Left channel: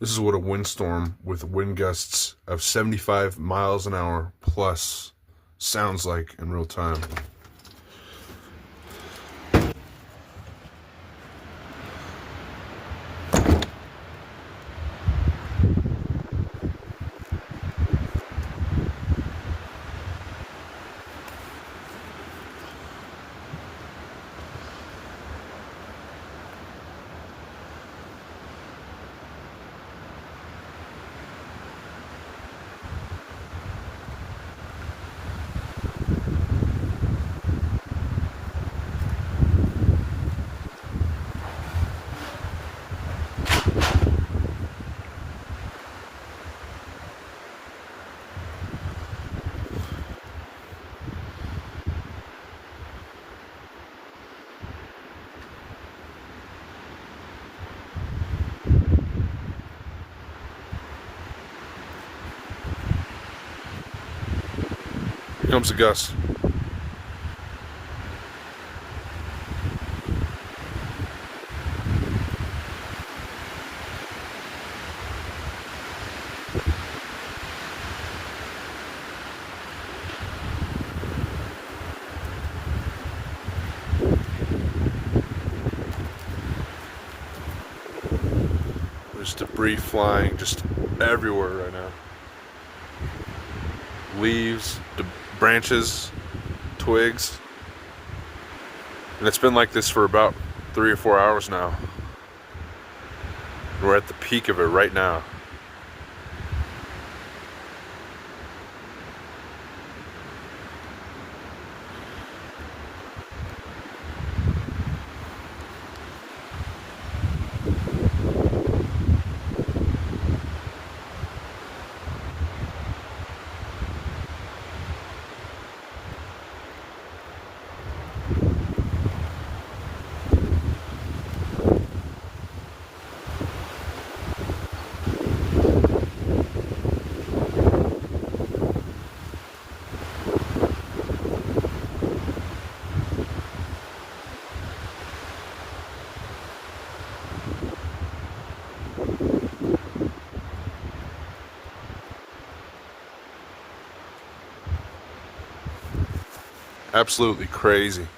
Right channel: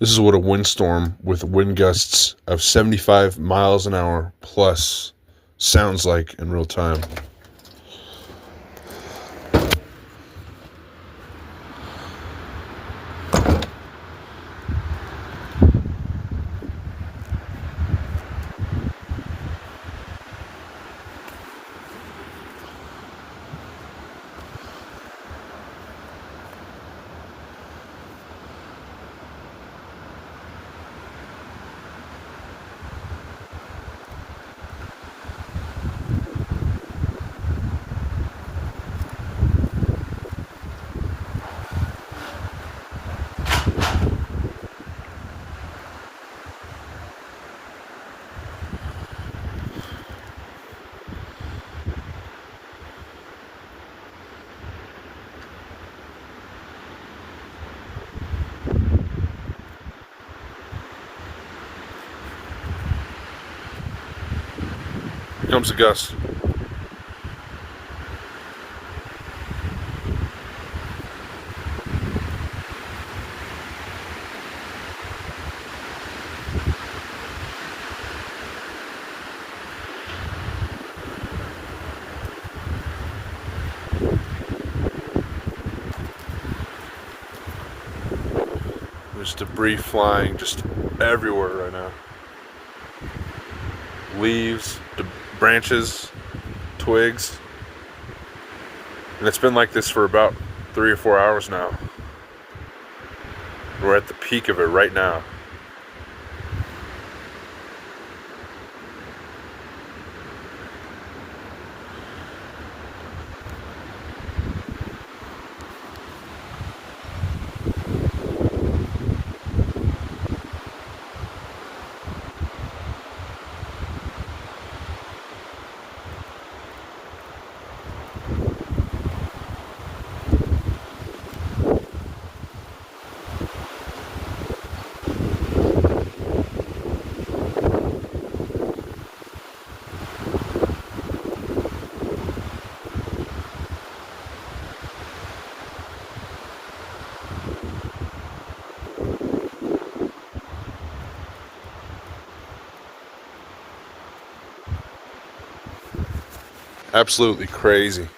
This is what a windstorm with wind gusts of 75 miles an hour plus sounds like in real time. Here comes the gust. There's debris flying just everywhere right now. Leaves, branches, twigs. And it's been like this for about 3 or 4 hours now. We're at the peak of it right now. Absolutely crazy.